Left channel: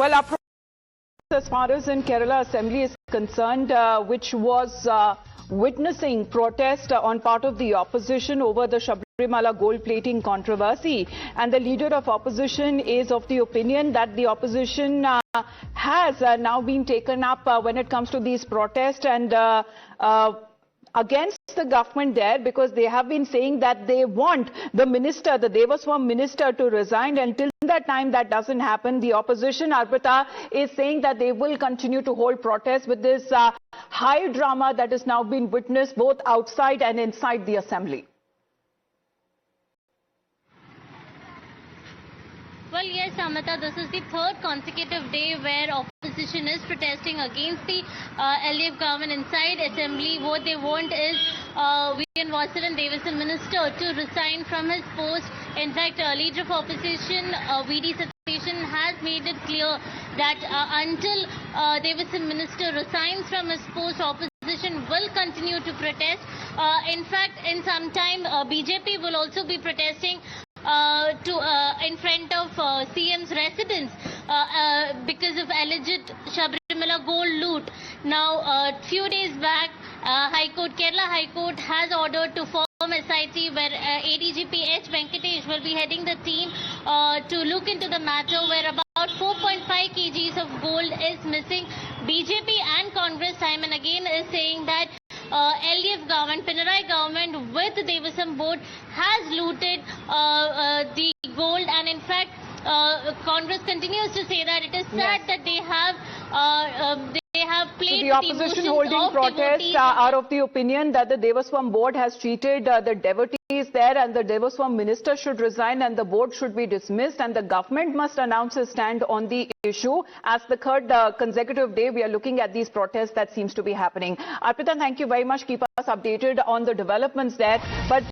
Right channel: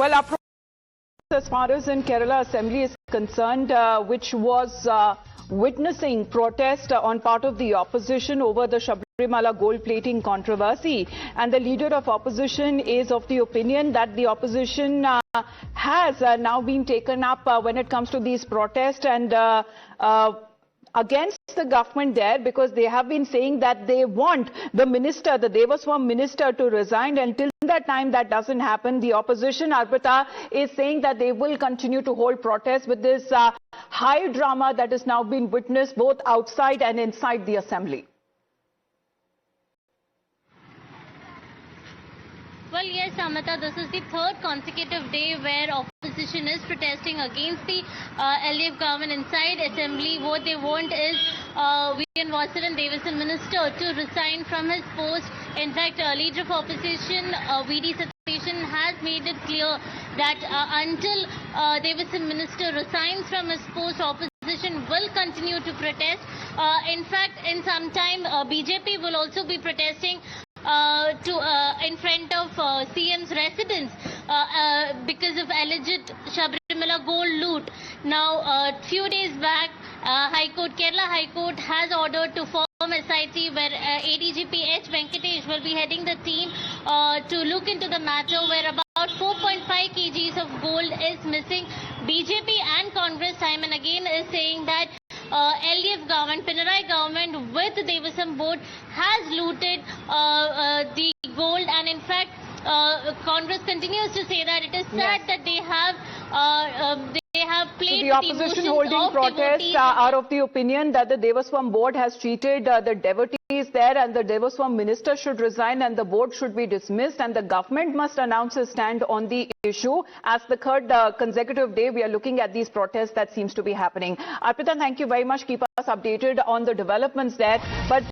Well, as far as in Kerala Assembly is concerned, which was witnessing protest on part of the opposition over the Sabrimala gold plating controversy, and the leader of opposition is of the opinion that the opposition has now been taken up when it comes to these protests and against the government there, because they have been saying that they want the minister, the Devaswam minister, to resign. Until that time that doesn't happen, the opposition, Arpita, is saying that they will continue to hold protests with this high drama that has now been witnessed both outside and inside the assembly. Well, yes, Amita, this is the third consecutive day where opposition is protesting against the LDF government inside assembly. What they want is V.N. Vasiran Devaswam minister to resign from his post. In fact, leader of opposition V.D. Satheeshan has made it clear that until Devaswam minister resigns from his post, opposition will continue to protest. In fact, in some time, BJP will also be protesting in front of CM's residence because of alleged Sabrimala gold loot. Now, few days back, Kerala High Court has ordered to form SIT where ADGP H. Venkatesh will be heading the team to look into the matter, where about 4.5 kgs of gold is missing. BJP and Congress time and again is saying that LDF government, Pinarayi government with the Devaswam board has looted the gold, and in fact Congress continues to say that it is sad that they have played the opposition holding protests are of the opinion that the Devaswam board has cheated the devotees there, and the Devaswam minister should resign and the board should be dismissed, and the government must announce a stand on the issue. As the third consecutive day we are looking at these protests that seems to be happening. Arpita, thank you very much. Keep us updated on the developments there. But